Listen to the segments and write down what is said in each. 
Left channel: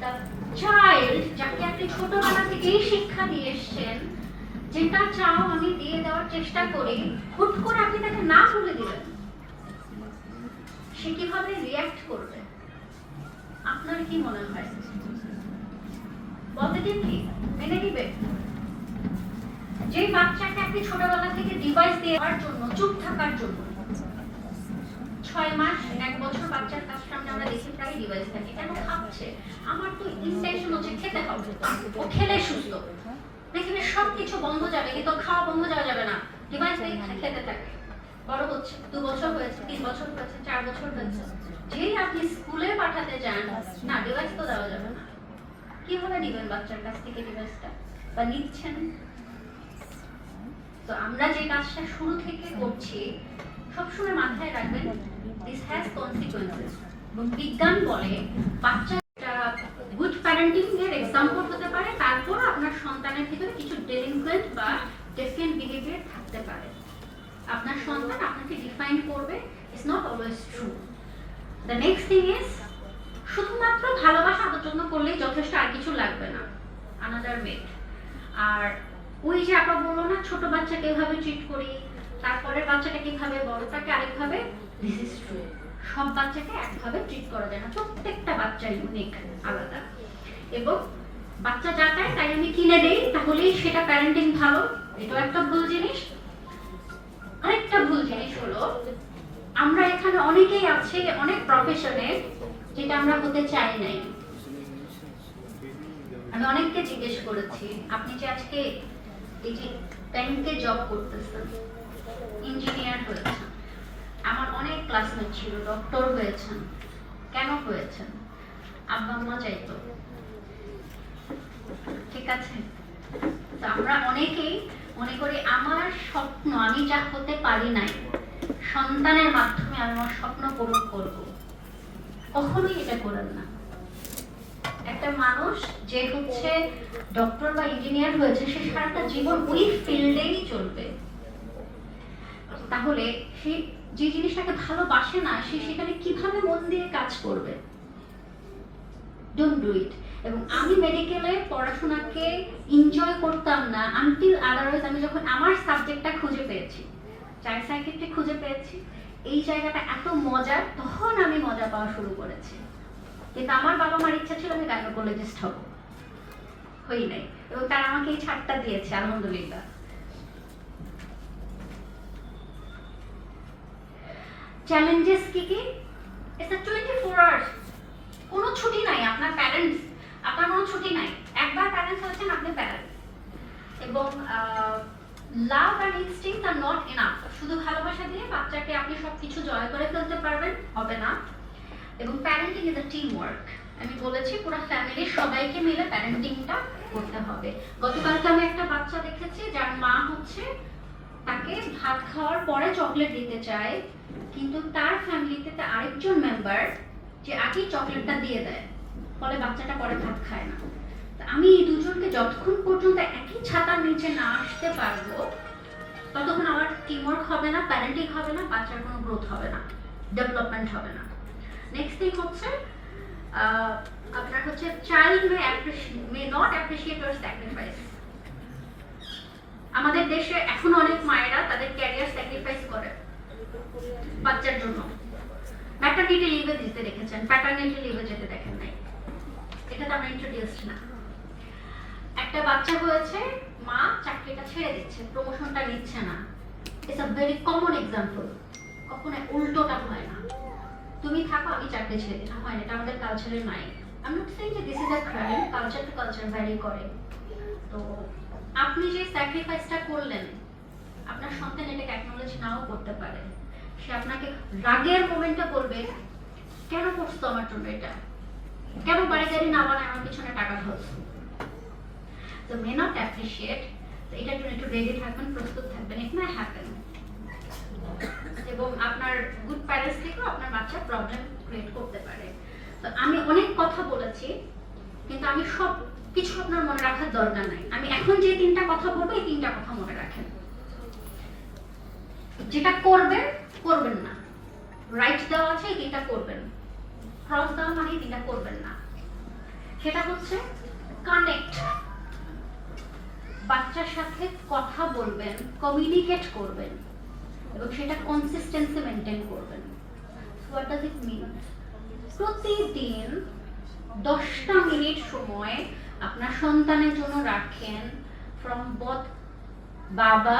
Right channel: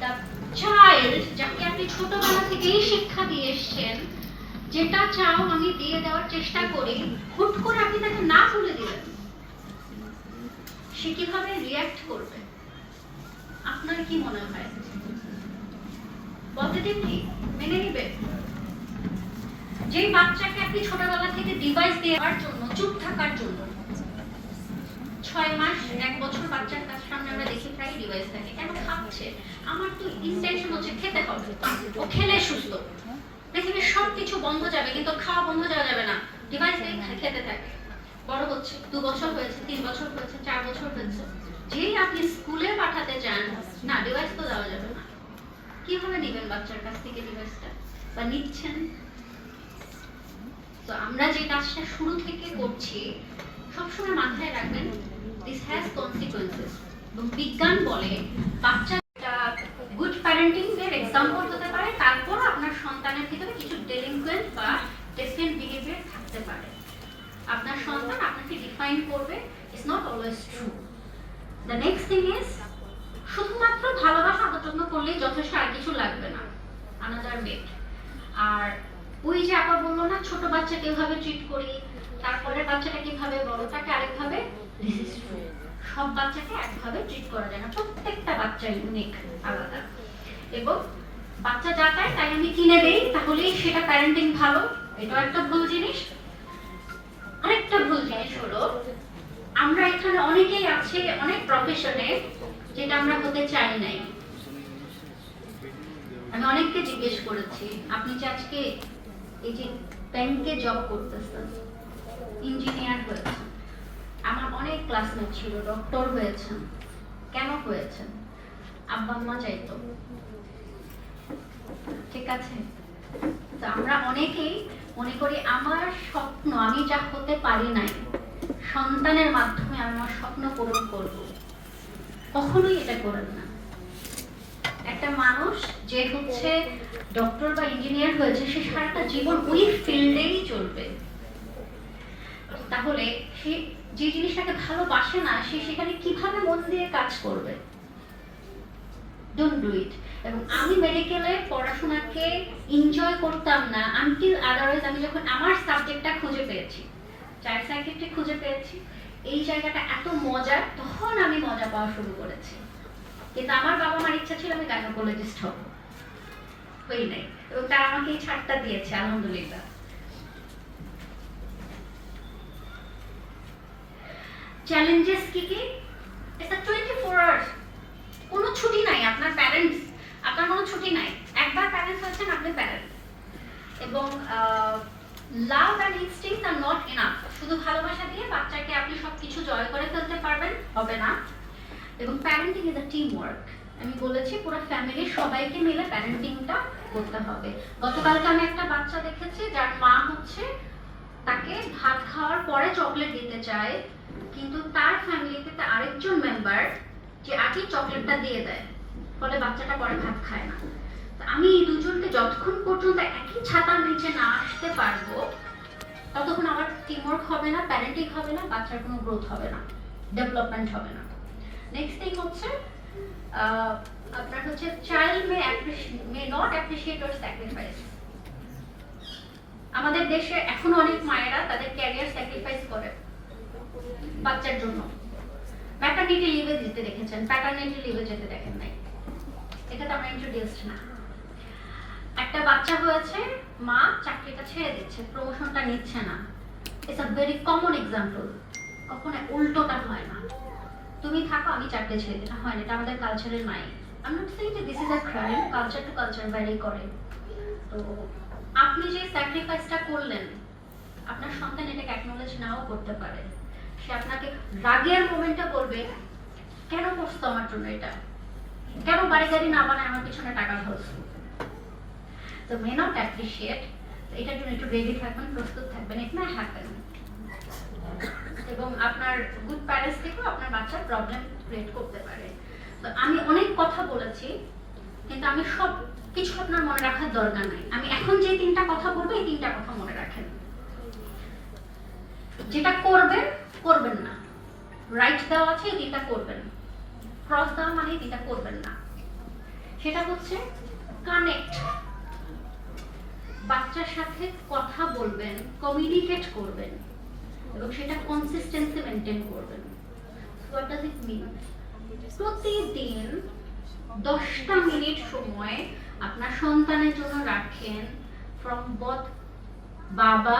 The child যাকে আপনি ছোটবেলা থেকেই শিক্ষা দিয়ে এসছেন, যেটা চাও আমি দিয়ে দেওয়ার চেষ্টা করি, হুট করে আপনি তাকে না বলে দিলেন, সে কিভাবে রিঅ্যাক্ট করবে আপনার কি মনে হয়? পজিটিভলি মেনে নিবে? যেই বাচ্চাকে আপনি ছোটবেলা থেকে ডিভাইস দেওয়ার জন্য, চুপ থাকার জন্য, 6 মাস 1 বছর বাচ্চার কাছ সামনে আমরা দেখি প্রায় ডিভাইস থাকে, কেন খাচ্ছে? আমার তো ইন্টেনশন হচ্ছে খেতে হবে, ও খেলে সুস্থ, দেখবে সবকিছু বন্ধ যাবে কিন্তু খাওয়া বন্ধ যাওয়া যাবে না, ডিভাইস দিয়ে খেতে থাকে। বড় হচ্ছে, 2 বছর হয়েছে, 3 বছর হয়েছে, 4 বছর হয়েছে, যেই আপনি স্কুলে পাঠাতে চান, না ডিভাইস তো দেওয়া যাবে না, কিভাবে দিবেন বাচ্চার কাছ থেকে ডিভাইসটা? বা নিচ্ছেন? তো আমরা যে কাজটা শুরু থেকে করছি, সবসময় মাথায় রাখবেন দিস হ্যাজ কনসিকুয়েন্সেস। এবং বিজ্ঞান বলে বাচ্চাটা গুড প্যারেন্টিং এর এক্সাম্পল হতে পারে, তারপর আপনার সন্তানের ভিতরে কিছু ডেলিনকুয়েন্ট বা ডিফারেন্ট বিহেভিয়ার থাকতে পারে। আপনার সন্তান আপনাকে ডিফাইন করবে, it's not always true. The next thing is, শুধুমাত্র ভালোবাসা আদর যত্ন করলেই যথেষ্ট, আর কিছু লাগবে না। Another way. আর ওই যে আপা বললো না, ছোট বাচ্চাকে এভাবে ট্রিট করি, তারপরে বাচ্চাটা কিভাবে বড়টাকে আরেকভাবে, দিস ইজ ট্রু। সব বাচ্চাকে একভাবে ট্রিট করা যায় না, প্রত্যেকটা বাচ্চা ইউনিক, আলাদা। এবং বাচ্চা যা চায় তাই আমি কিনে দেই, তাহলেই সেটা প্যারেন্টিং ভালো, এটাও একটা ভুল জিনিস। আরেকটা ভুল জিনিস হলো, আমরা এখানে অনেকেই আছে অনেক প্রফেশনে যেটা আমরা হতে চাই নাই। আমি অনেককে জিজ্ঞেস করেছি, আপনি যে আজকে এই যে ব্যাংকে জব করতেছেন, ইঞ্জিনিয়ার হয়েছেন, আমার অনেক ক্লাসমেট ছিল ডক্টর হয়েছেন, কেন হয়েছেন? আব্বা আম্মা চাইতো, ঠিক আছে? তো আমরা অনেকেই মনে করি আমার স্বপ্ন, আমি যা হতে পারি নাই, সন্তানের মাধ্যমে আমি আমার স্বপ্ন পূরণ করব। কখনোই এটা করেন না। একটা মানুষ যে হচ্ছে ডক্টর বা ইঞ্জিনিয়ার হয়েছে, সে সারাটা জীবন ওই ফিল্ডেই চলবে। তাহলে সে যে জিনিসটাকে ভালোবাসে না, সে সেখানে কিভাবে মন দিয়ে কাজ করবে? Don't do it. এবং আমি মেডিকেলে পড়াশোনাকে এনজয় করতাম না আনটিল আদারওয়াইজ আমি যখন আমার সাবজেক্টটা খুঁজে পেয়েছি, চাইল্ড সাইকিয়াট্রি খুঁজে পেয়েছি, এই জায়গাটা এত মজার, তখন আমি মজা পাওয়া শুরু করেছি। কিন্তু আমার বাবা মার ইচ্ছা ছিল আমি গাইনোকোলজিস্ট হব, হই নাই, এবং তারা আমাকে এই ছাড়টা দিয়েছে, আলহামদুলিল্লাহ। চ্যালেঞ্জেস কি কি? ইটস আ 24 আওয়ার্স, কোনো ছুটি নাই। আপনার প্যারেন্টস, আপনার কোনো ছুটি নাই। একবার প্যারেন্টস হচ্ছেন, আপনি প্যারেন্ট। এবং love and instincts are not enough. শুধু ভালোবাসা দিয়ে বাচ্চাকে আপনি সবকিছু জয় করে ফেলতে পারবেন, হবে না। এবং parenting is a team work. আমি বলেছি পুরো ফ্যামিলির সবাইকে মিলে প্যারেন্টিংটা করতে হবে। গতকালকে আমি একটা বাচ্চা দেখেছি যার মা হচ্ছে তাকে ভাত খাওয়ার পরে চকলেট দিতে চায়, কিন্তু তার ফ্যামিলিতে আরেকজন মেম্বার যে আগে চকলেটটা দিয়ে দেয়, ফলে বাচ্চাটা পরে ভাত খায় না। আমি এই দুজনকে যতক্ষণ পর্যন্ত একই ছাতার নিচে না আসতে পারবো, ততক্ষণ আমার টিমওয়ার্ক হবে না, প্যারেন্টিং হবে না, বাচ্চার কোনো গ্রোথ হবে না, ডেভেলপমেন্ট হবে না। নেক্সট থিং হচ্ছে আপনার হচ্ছে child may not appreciate your sacrifice. আমাদের দেশে এখন অনেক মায়েরা তাদের ক্যারিয়ার স্যাক্রিফাইস করে বাচ্চার জন্য। ম্যাটারনিটি লিভে যেতে দেখেছেন, প্যাটারনিটি লিভে যেতে দেখেন নাই, এটা তো আমরা ইন্ট্রোডিউসড না। একটা বাচ্চা হয়েছে, মা চাকরিটা ছেড়ে দিচ্ছে, প্রমোশনটা নিচ্ছে না। It's a very common example. কখনো উল্টোটা হয় না, তুমি থাকো আমি চাকরি ছেড়ে দিতে, হয় না, এটা আমাদের কালচারে নাই। আই এম নট সেইং যে this is a crime, culture to culture vary করে। তো আপনি যে স্যাক্রিফাইসটা করলেন, আপনার সন্তান এটাকে অ্যাকনোলেজ নাও করতে পারে। সে আপনাকে রাগের মোমেন্টে বলবে, কেন করছো আমার জন্য এটা, কেন বাড়ি গাড়ি না বানায় আমার পিছনে টাকা ঢালছো। তো মে নট অ্যাপ্রিশিয়েট, এটার জন্য একটু রেডি থাকবেন, প্রস্তুত থাকবেন, ইট মাই হ্যাপেন। এবং আপনার গুড প্যারেন্টস থেকেও আপনার বাচ্চা প্রবলেম ক্রিয়েট করতে পারে। তো আমি অনেক কথা বলেছি, কিন্তু আমি সব কিছু আপনার মনে রাখার দরকার নাই। আমি এখন যে 3টা কথা বলবো, এই 3টা কথা মনে রাখেন। যেটা করবেন করবেন না, রাইট দেওয়া আছে এই 3টা করবেন, ক্রস দেওয়া মানে এই 3টা করবেন না। সেটা হচ্ছে কানেক্ট। বাচ্চার সাথে কথা বলবেন, কমিউনিকেট করবেন এবং সেটা কনসিস্টেন্সি মেনটেন করবেন। হোয়াট ডাজ ইট মিন? প্রতিদিন 10টা মিনিট সময় আপনার সন্তানের জন্য রাখেন। ফ্রম বোথ বাবা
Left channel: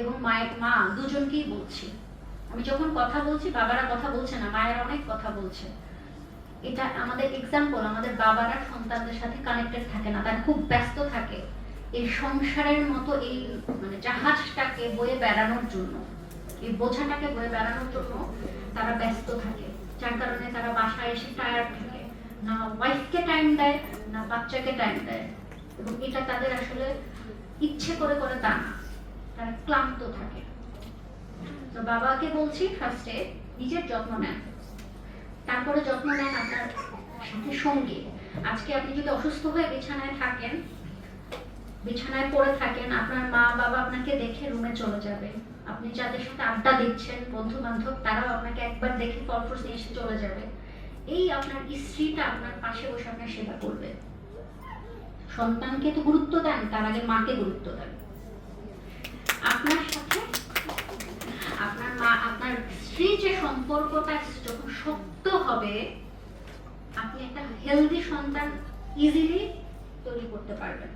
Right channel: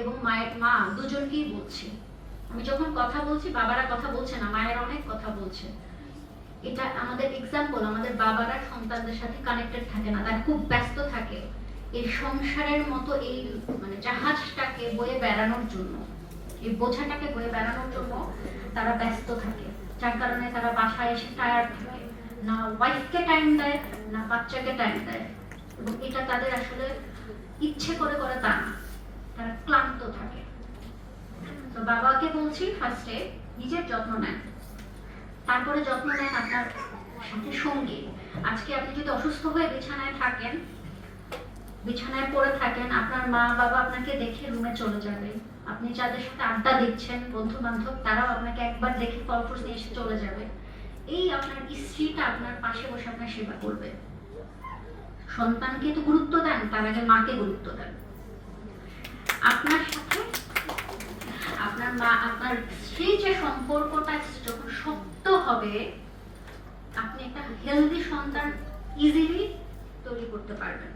এবং মায়ের, মা দুজনকেই বলছি। আমি যখন কথা বলছি বাবারা কথা বলছে না, মায়েরা অনেক কথা বলছে। এটা আমাদের এক্সাম্পল। আমাদের বাবারা সন্তানদের সাথে কানেক্টেড থাকে না, তারা খুব ব্যস্ত থাকে এই সংসারের মতো এই মানে জাহাজটাকে বয়ে বেড়ানোর জন্য, এই বোঝাটাকে বয়ে বেড়ানোর জন্য তারা ব্যস্ত থাকে, যার কারণে তারা বাসায় এসে টায়ার্ড থাকে, না ওয়াইফকে টাইম দেয় না বাচ্চাকে টাইম দেয়। এবং এটা তাদের আসলে ইচ্ছে করে করে তা না, তারা ক্লান্ত থাকে। তো বাবাকে বলছি ফার্স্টে নিজের যত্ন নেন, তারপরে যত্ন নেন আপনার সাথে সঙ্গী। আজকে আপনি যদি অসুস্থ হয়ে বিছানায় থাকেন, বিছানায় পড়ে থাকেন, আপনার মা বাবা আপনাকে দেখে রুমে চলে যাবে। আপনি যাদের সাথে আড্ডা দিচ্ছেন বন্ধু বান্ধব, তারাও আপনাকে একবার দেখে কলফোর্স নিয়ে এসে চলে যাবে। এই আপনার স্ত্রীটা আপনার পাশে বসে আপনার সেবা করবে। সন্তানকে তো গুরুত্ব দেন, তার আগে মাকে গুরুত্ব দেন। আপনার সাথে আপনার মা, আপনার স্ত্রী যে সম্পর্কটা যখন শক্ত হবে, আপনি একটা হেলদি সন্তান ইজিলি তৈরি করতে পারবেন।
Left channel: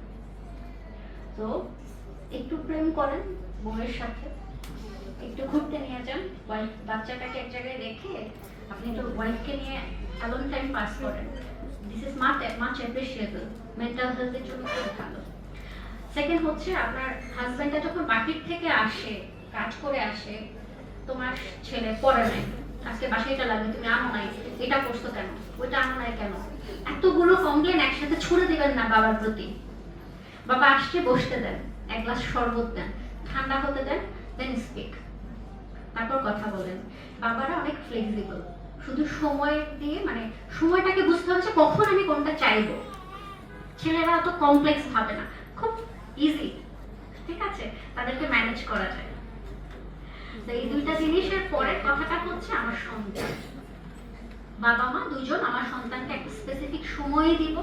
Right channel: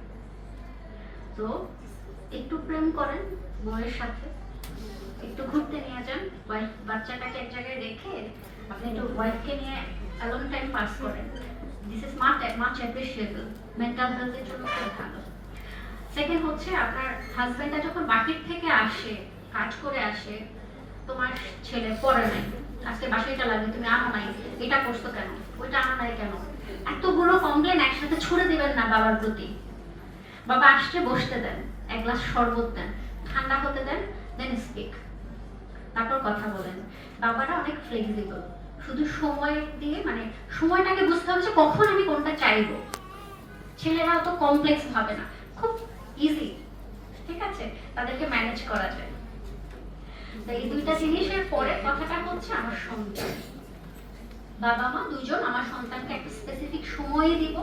তো একটু প্রেম করেন বউয়ের সাথে, একটু ঘুরতে নিয়ে যান, ওয়াইফ বাচ্চাটাকে এক জায়গায় রেখে আপনি একটু ওয়াইফকে নিয়ে অ্যালোন টাইম পাস করেন। This is much appreciable, mental হেলথের জন্য খুব ভালো। সেকেন্ড হচ্ছে আপনার হাজব্যান্ডটা যখন বাহির থেকে আসে, কাজ করে আসে, তোমার ছেলে পড়ে নাই, আজকে বাসাইটা লাগে, তুমি আনো নাই, এটা করছো কেন, ওইটা আনো নাই কেন, এতগুলো কমপ্লেন একসাথে ছুড়ে দিবেন না বাবার প্রতি। বাবা আসছে, বসতে দেন, এক গ্লাস শরবত দেন, ঠান্ডা হতে দেন, দেন স্পিক, তারপর কথা বলেন। বাবারা অনেক ফ্লেক্সিবল, শুধু সময় দিয়ে মানে সময়টাকে বুঝতে হবে যে কখন আমি কোনটা চাইবো। ছেলেরা অত কমপ্লেক্স ভাবে না, খুব ইজি, ঠিক আছে, তাদেরকে ম্যানেজ করা যায়। তো এই দুইটা জিনিসের পরে কথাটা হচ্ছে আমার সন্তান। বাবা মা দুজন আমার সন্তানকে একটা স্পেসিফিক সময় দিব,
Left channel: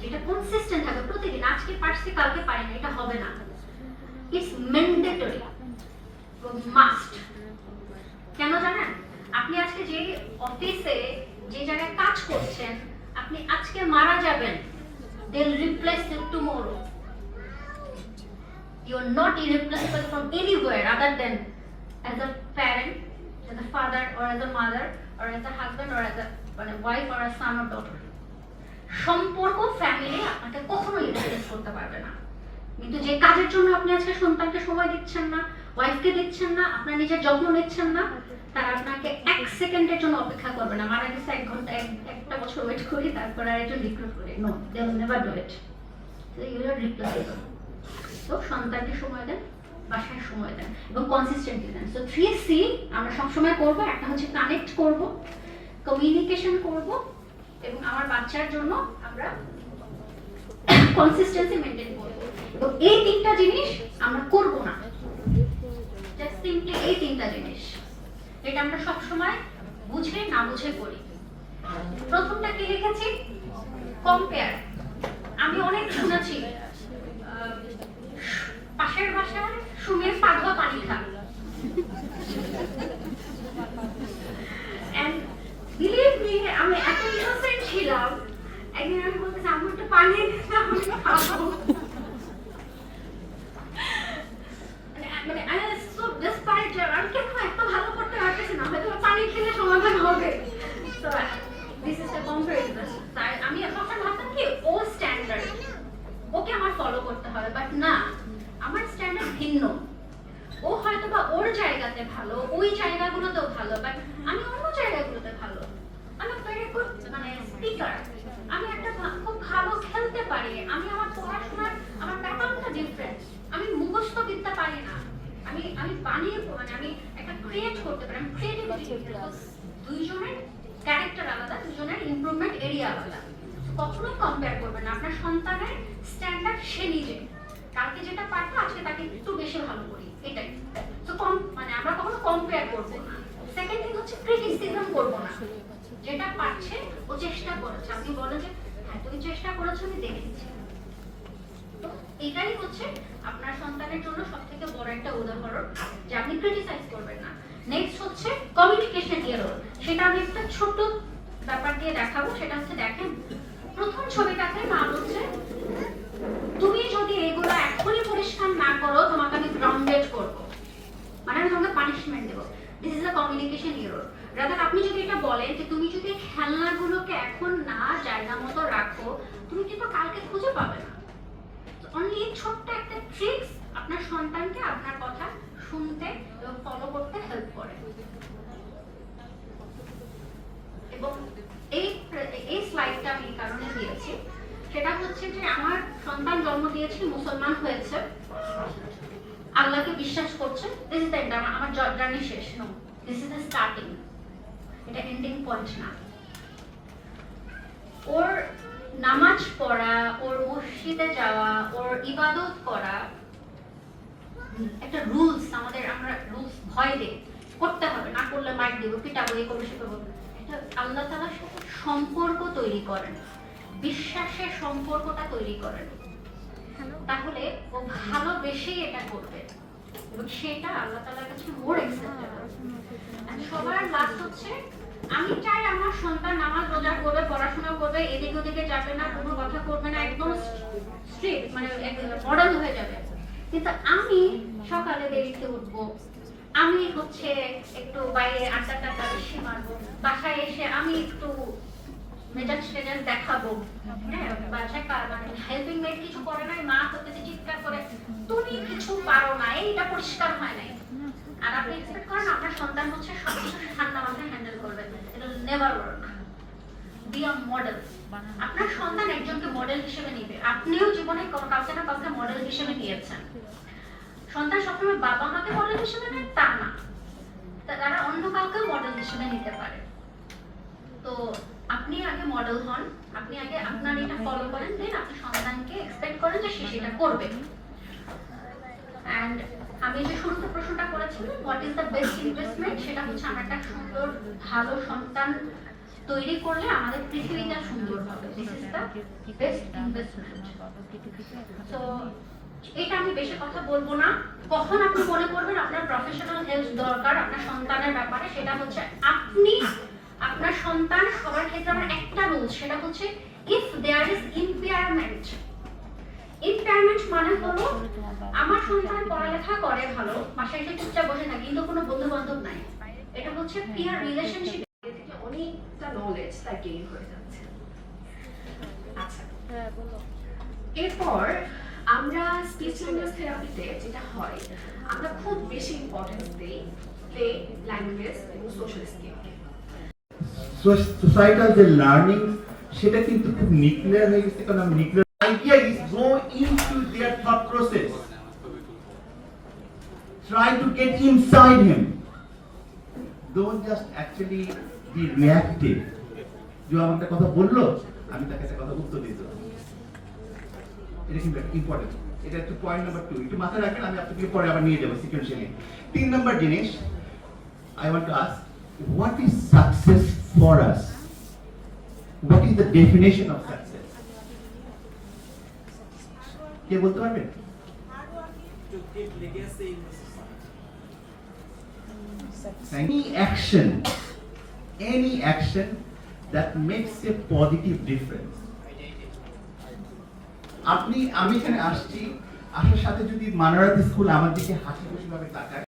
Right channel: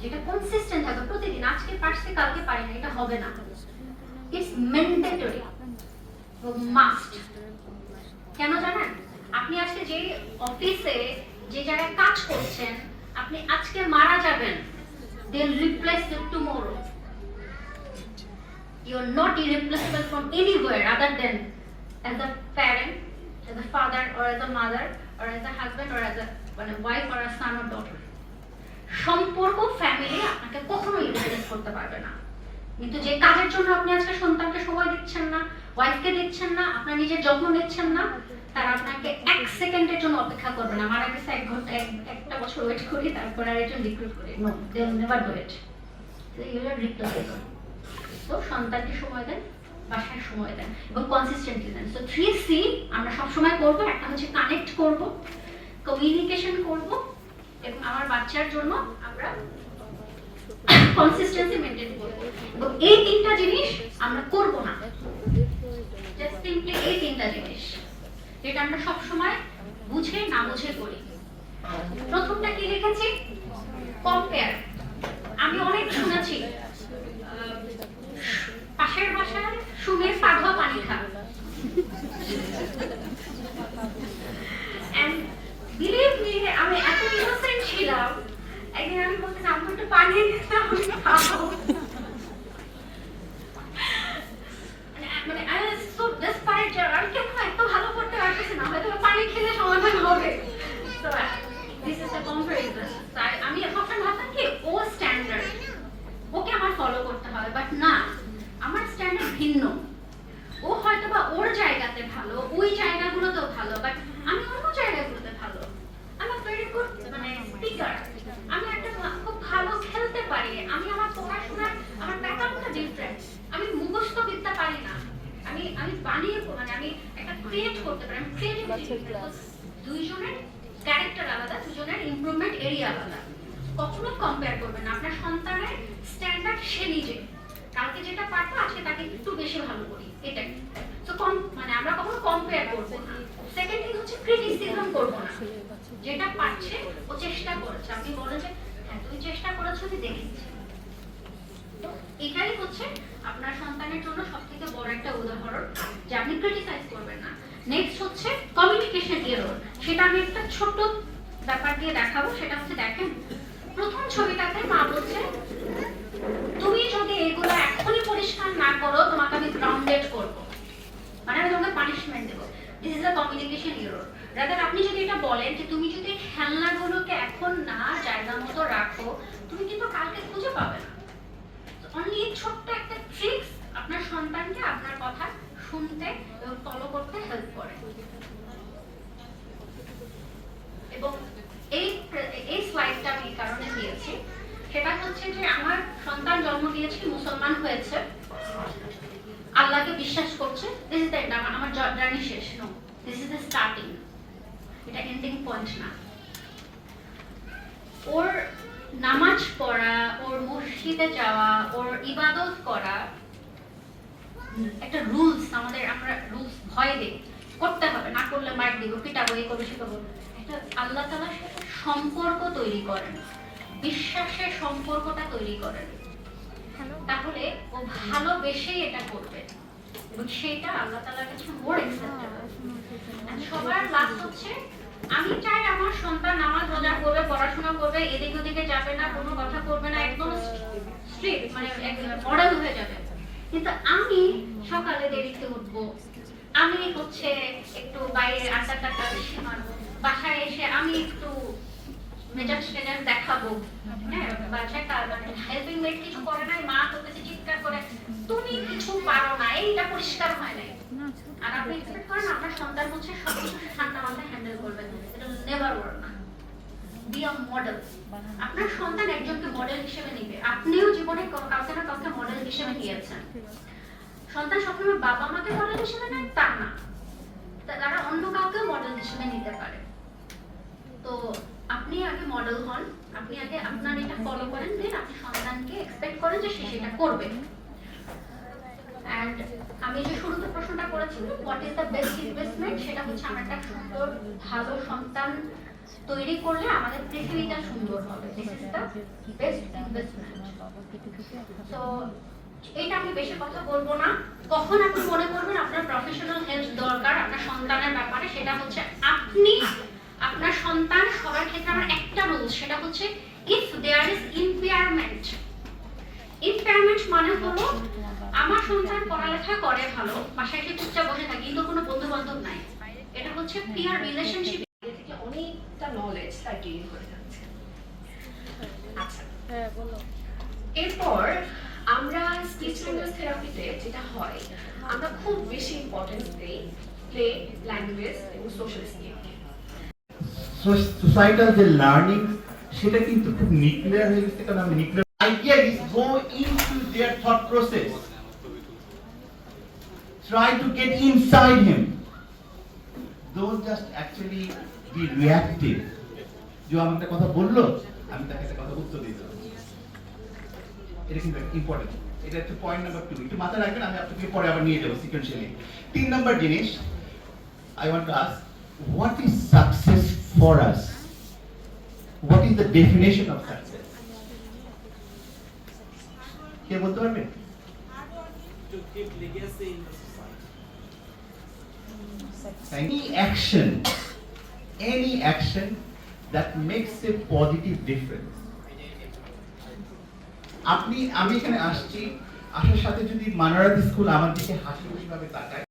যেটা কনসিস্টেন্ট থাকবে প্রতিদিন। আজকে পারছি কালকে পারি না, এটা হবে না। It's mandatory, must. কেন জানেন? আপনি আজকে যে অফিসে যে জায়গায় কাজ করছেন, আপনি আজকে মারা যাবেন, they'll replace you tomorrow. You're not irreplaceable from anywhere other than as a parent, as a father or as a mother or as a husband or as a wife or a son or daughter. সম্পর্ক, family আপনাকে কখনোই replace করতে পারবে না। কিন্তু যে কাজের জন্য আপনি আজকে সন্তানকে সময় দিচ্ছেন না, ওয়াইফকে দিচ্ছেন না, আপনার নিজের যত্ন নিচ্ছেন না, তারা আপনাকে 1 সেকেন্ডের জন্য অপেক্ষা করবে না। মারা গেছে 1 ঘন্টা, একটা বছর ওয়েট করি, তারপর আর একজন রিক্রুট করি, no, they will never do it. You are replaceable. তো সন্তানকে সময় দেন, বাসায় সময় দেন এবং কনসিস্টেন্টলি দেন। সো 3C আমরা সবসময় করবো। একটা হচ্ছে কানেক্ট করব, কমিউনিকেশন করব এবং আমার বাচ্চার জন্য আমরা কনসিস্টেন্সি মেইনটেইন করব। এবং এই 3টা জিনিস আমরা করব না, জাস্ট সিম্পলি এই 3টা জিনিস, যেটা আমরা সবসময় বুঝে না বুঝে করি। প্রথমটা কি লিখেছি? কম্পেয়ার। আমি অনেক শুনেছি পাশের বাসার সুমের পাধা পানি খা, and believe me, আমি এত ইনোসেন্ট ছিলাম, একদিন আমি বলতে আমি একটু পানি দিতে আমি খাবো, মানে I was so desperate যে আমি কেন এত ভালো করতে পারতেছি না, হয়তো পানি খেলে সমাধান হবে। So this is a comparison. তাই আমি সবসময় ভাবতাম কি ও স্ট্যান্ডার্ড, ওকে আমার ফলো করতে হবে, বাট না, আমার স্ট্যান্ডার্ড ভিন্ন। ও হয়তো বা ওর জায়গাতে ভালো, ওই জায়গাগুলোতেও ভালো, বাট আমি অন্য জায়গাগুলোতে ভালো। আমি ভেরি গুড মানে স্পিকার, আমি একটা খুব ভালো খেলতে পারি, আমি আমার পড়াশোনার আমার ব্যাকগ্রাউন্ডটা ডিফারেন্ট, আমি মুখস্থ বিদ্যা পারি না, আমি আমি বানিয়ে মানে আমি একটা ক্রিয়েট করতে পারি, আমি ক্রিয়েটিভিটি। দুইজনের ক্যারেক্টার আলাদা, দুজনের ইমপ্রুভমেন্ট এরিয়া আলাদা। কখনোই কম্পেয়ার করবেন না। আপনার সন্তানের স্ট্যান্ডার্ড সে নিজে, কালকে যেটা পারতো আজকে তাকে একটু বেশি ভালো করি, এটাই। তো মানে আমরা কখনো কম্পেয়ার করবো না। সেকেন্ড থিং হচ্ছে ক্রিটিসিজম করবো না। যেটা পারছে ও চেষ্টা করেছে, আপনি বলেন যে হ্যাঁ, তুমি চেষ্টা করেছো, আমি দেখেছি। তো এটাই হচ্ছে আপনার সন্তানের জন্য সবথেকে বড় একটা উদাহরণ যে আপনি ক্রিটিসাইজ করবেন না। নেক্সট হচ্ছে কমিউনিকেশন এরর। সেটা আমি একটা ছোট ব্যাপার দিয়ে দেখাবো। সেটা হচ্ছে, দেখেন প্রথম ছবিটাতে মা বলছে, তুমি যদি এগুলো এখনই পরিষ্কার না করো তোমাকে আমি গ্রাউন্ডেড করব, মানে আমি তোমাকে পানিশমেন্ট দেবো। This is a communication error. Rather আপনি যদি এটা বলেন যে তুমি যদি খেলনাগুলোকে এখন না জায়গা মতো রাখো, তুমি কিন্তু কালকে খুঁজে পাবে না। অনলি ছোট্ট একটা ট্রিক্স আপনার সন্তানকে আপনার কথা শুনতে এবং ফলো করতে হেল্প করে। এবং এই স্লাইডটা আমি এই কারণে দিয়েছি, সেটা হচ্ছে যে আমার সন্তান জন্ম দিয়েছি, মুসলমান হয়েছে, আল্লাহকে বিশ্বাস করছে। দিস ইজ দ্য এন্ড, আমার জার্নি শেষ। No, this is the starting, এটা এন্ডিং পয়েন্ট না। ওর নামাজ পড়া, ওর মসজিদে যাওয়া, ওর ইবাদত করা একটা রুলস। আমরা রুলস ভয় দেই, করতে হবে, না করলে মাইর দিব, পিটাবো, এই করবো, সে করবো। এটা আল্লাহ তাআলার সাথে সম্পর্ক তৈরি করেন, বিশ্বাসের সম্পর্কটা তৈরি করেন। তাহলে ও ভালোবেসেই এটা করবে এবং সেটা আল্লাহ তাআলার কাছে মোর অ্যাকসেপ্টেবল। সবার লাস্ট হচ্ছে, আমি চাই আমার সন্তান নামাজ রোজা করবে, পড়াশোনা করবে, এদিকে ওদিকে যাবে না, কোনো কথা করবে না, একদম স্ট্রিক্ট, মানে মডেল হয়ে যাবে। কিন্তু আমি সকালে দেরিতে উঠবো, আমি হচ্ছে একটু বাইরে আড্ডা টাড্ডা বেশি মারবো, বাসায় এসে আমি একটু মেজাজ টেজাজ দেখাবো, হ্যাঁ, বাসায় মানে হেল্পিং মেড কিছু করে নাই, মা করতেছে চিৎকার করে, তুমি কিছু পারো না, এইটা পরিষ্কার হয় নাই। আর আপনি এক্সপেক্ট করেন আপনার সন্তান হচ্ছে সবকিছু ঠান্ডা মাথায় হ্যান্ডেল করবে, এটা never work. Be a model. আপনার সন্তান একজনকে মডেল হিসেবে নিবে, আপনিও জীবনে কাউকে না কাউকে মডেল হিসেবে নিয়েছেন। সন্তান সবসময় বাবা মাকে মডেল হিসেবে নেয় তা না, তারা অন্য কাউকে মডেল হিসেবে নিতে পারে। তো আপনি আগে মডেল হন, আপনি আগে আপনার এটা ফলো করেন, দেন আপনি সন্তানকে এক্সপেক্ট করেন যে সে সেটা করবে। এন্ড আমি যে শুরুতে প্রশ্নটা করেছিলাম, what is the best investment, সেটা হচ্ছে আমরা একটা সুন্দর ভালো সন্তান তৈরি করলে আমাদের পৃথিবীটা সুন্দর হবে। This is the best investment. So এটা আমি বেশি কথা বলবো না। কখন আপনি মনে করবেন আপনার প্রফেশনাল হেল্প দরকার আপনার সন্তানের ব্যাপারে, সেটা হচ্ছে আপনি আপনার সন্তান সবার ক্ষেত্রে আমার একটা রুল, সেটা হচ্ছে if there is impairment. Impairment মানে হলো আমার সন্তান পড়ালেখা করে ভালো, বাসায় এসে চুপচাপ বসে থাকে, কিন্তু কোনো বন্ধু বান্ধব নাই, এটা হচ্ছে পিয়ার রিলেশনশিপ থেকে অনেকটা নলেজ তার গেইন হয়ে যাচ্ছে। আচ্ছা, এরপর আমরা স্পিচ ল্যাঙ্গুয়েজ থেরাপিতে যেটা হয়, আমরা খুব বেশি ইম্পর্টেন্স দিই প্লে, ল্যাঙ্গুয়েজ এবং সোশ্যাল স্কিলকে। সোসাইটাল যে লার্নিং সেটা কিন্তু খুব নিউক্লিয়ার হয়ে গেছে, কারণ আমি nuclear idea is go into their thought process, try to get inside him, don't just actually be reactive. যে আমার একটা কথা বললো, আমি তাকে একটা কথা উত্তর দিয়ে দিলাম, এটা কিন্তু ইম্পর্টেন্ট। এটা হচ্ছে পয়েন্ট নাম্বার 2, একটু মাথায় রাখবেন, আমি আপনাকে পরে আবার নিয়ে যাবো সিকোয়েন্সিয়ালি। 3 নাম্বার জিনিস, I want to ask, what is success for us? What is the definition of success? কে বলতে পারবেন? To keep legacy in the society. Any action that makes a positive difference. আমি এখানে আসছি, আসার সাথে যদি মানারাত স্কুল আমার দিকে হাসি খুশি ভাবে তাকায়,